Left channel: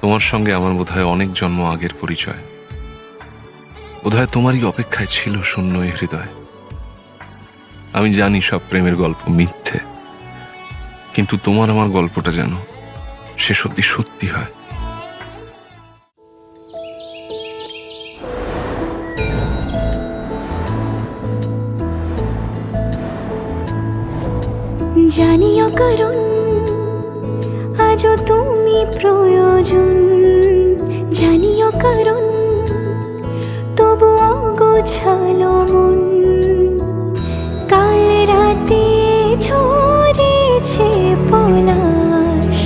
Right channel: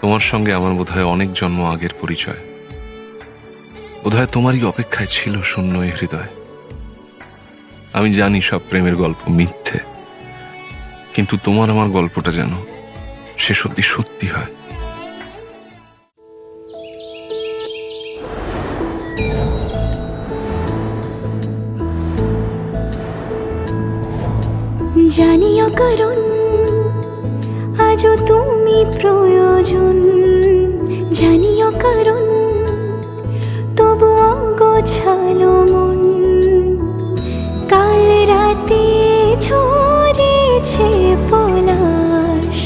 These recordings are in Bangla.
তোমার সঙ্গে আমার বোধহয় অনেক জন্ম আগের পরিচয়। বোধহয় তোমারই অপেক্ষায় ছিল শূন্য এ হৃদয়। আমি জানি সব প্রেমের গল্প মিথ্যে, কিন্তু তোমার আমার গল্পটা যেন শেষ অব্দি সত্যি হয়। জানিও কারণ আজও তুমি প্রয়োজন, জানিও কারণ তবু অগোছালো মন। কাল রাতে ঝরেছে পলাশ,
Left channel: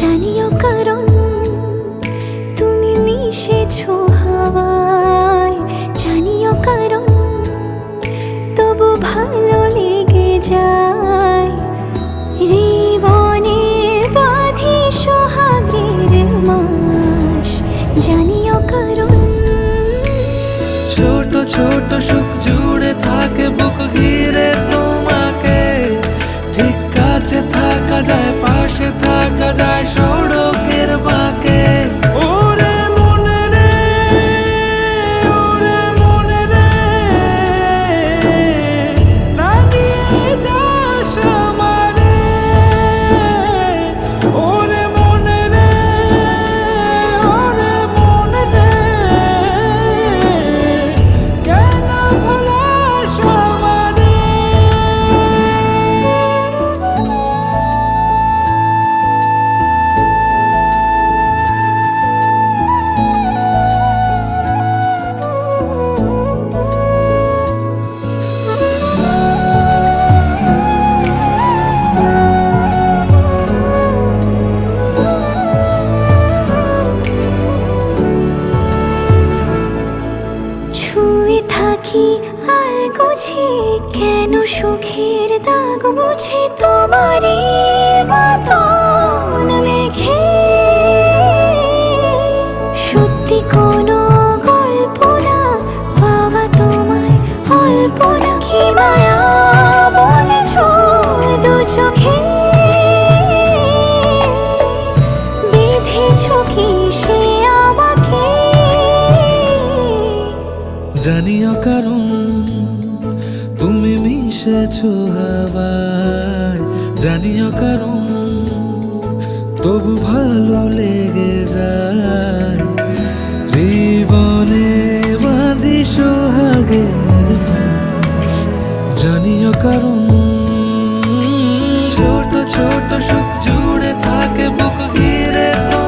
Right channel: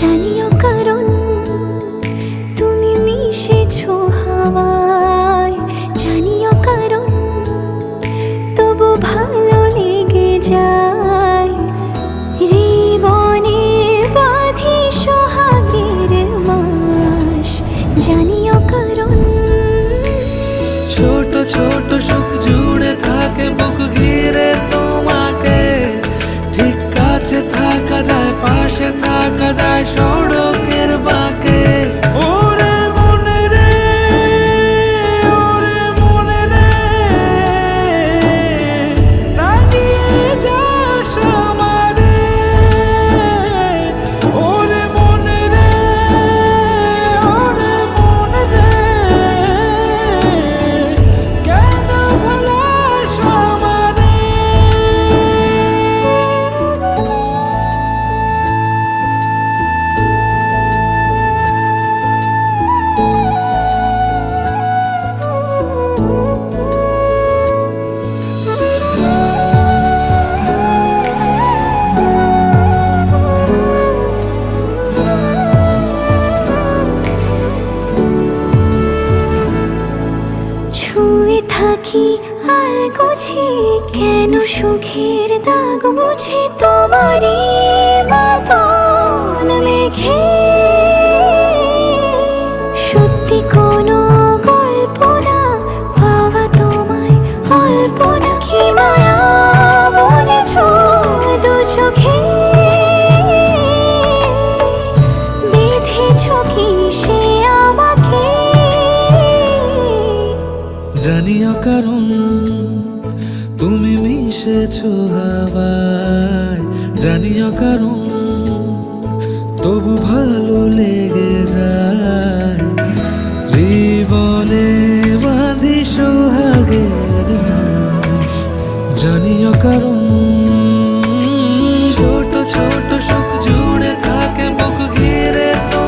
জানিও কারণ তুমি মিশেছো হাওয়ায়, জানিও কারণ তবু ভালো লেগে যায়। জীবনে বাঁধি সোহাগের মাস, জানিও কারণ ছোট ছোট সুখ জুড়ে থাকে বুক ঘিরে তোমাকে। ঠিক কাছে থাকা যায়, পাশে থাকা যায় সড়কের বাঁকে। ওরে মনে রে, ওরে মনে রে, রাঙিয়ে যাস আমারে। ওরে মনে রে, ওরে মনে রে, কেন ভোলাস আমারে। ছুঁয়ে থাকি আর গুছি কেন সুখের দাগ মুছে তোমারই মতন মেঘে। সত্যি কোনো গল্প না পাওয়া তোমায় অল্প না, কি মায়া বলেছ দু চোখে। বেঁধেছ কি সে আমাকে, জানিও কারণ তুমি মিশেছো হাওয়ায়, জানিও কারণ তবু ভালো লেগে যায়। জীবনে বাঁধি সোহাগের মাস, জানিও কারণ ছোট ছোট সুখ জুড়ে থাকে বুক ঘিরে তো